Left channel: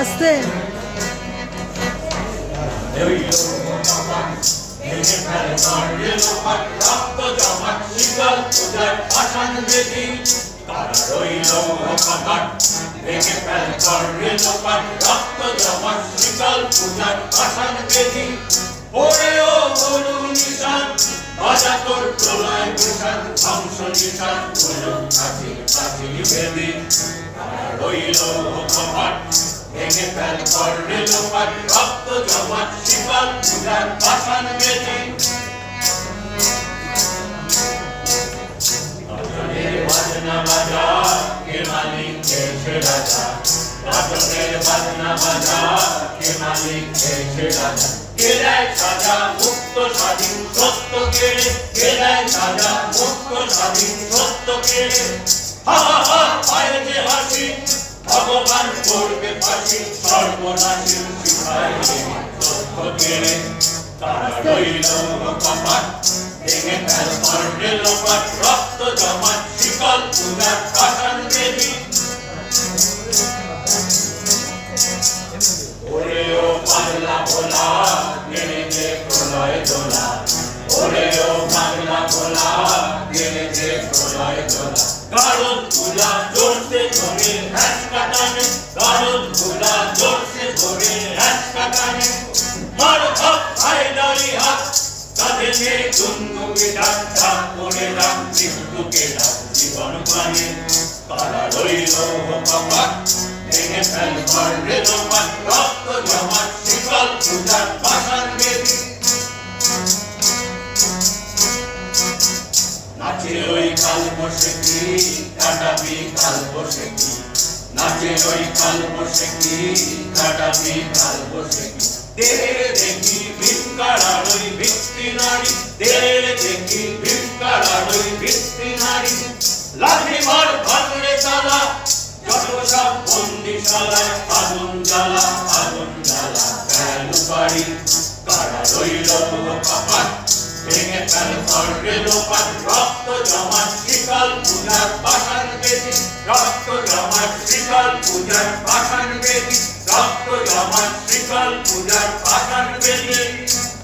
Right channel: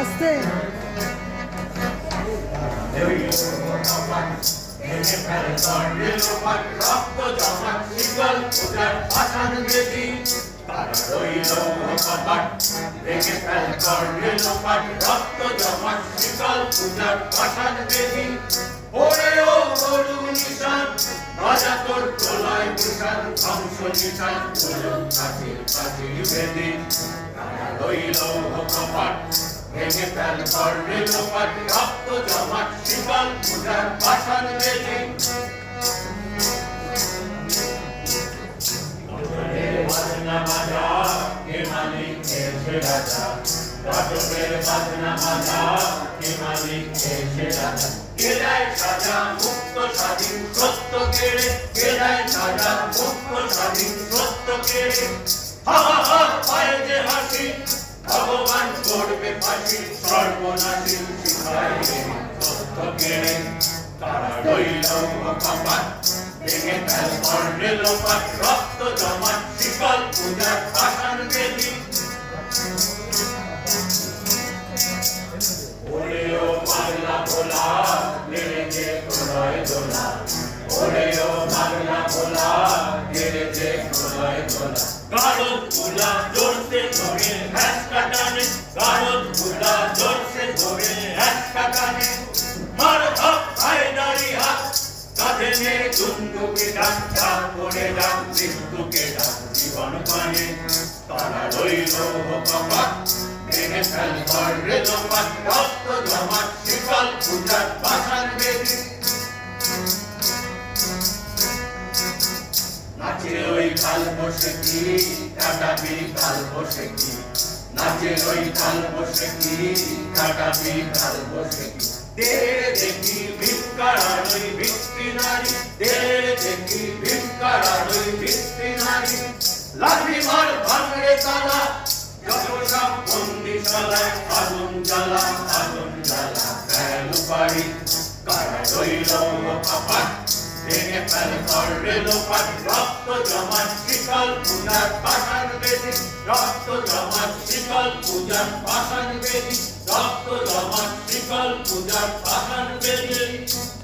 আসতে। ওরে ধ্বংস ভেঙে ফেল করলে লোপাট রক্ত জমাট শিকল পূজার বেদি রতনের বাজনা বাজা কে মালিক কে রাজা রতনের বাজনা বাজা কে মালিক কে রাজা কে দেয় সাজা মুক্ত স্বাধীন সত্য কেড়ে কে দেয় সাজা মুক্ত স্বাধীন সত্য কেড়ে হা হা হা পায়ে যে হাসি ভগবান করবে ফাঁসি সর্বনাশী শিখায় সত্য কেড়ে তারা রইল কপাট, ভেঙে ফেল করলে লোপাট, রক্ত জমাট, শিকল পূজার পাষাণ বেদি। ওরে ও পাগলা ভোলা ওরে গাড়ল ভুলা জোরসে ধরে হ্যাস কাটানে কাল বসে কি? কাটাবি কাল বসে কি? নাচে ওই কাল বসে কি? কাটাবি কাল বসে কি? দের দেখি ভিক্ষার ওই ভিত্তি নারী। দের দেখি ভিক্ষার ওই ভিত্তি নারী। লাঠি মার ভাঙলে তালা যত সব বন্দিশালায় আগুন জ্বালা আগুন জ্বালা। কেন পারি কারা রইল কপাট ভেঙে ফেল করলে লোপাট, রক্ত জমাট শীতল পূজার পাষাণ বেদি, রক্ত জমাট শীতল পূজার পাষাণ বেদি, রক্ত জমাট শীতল পূজার পাষাণ বেদি।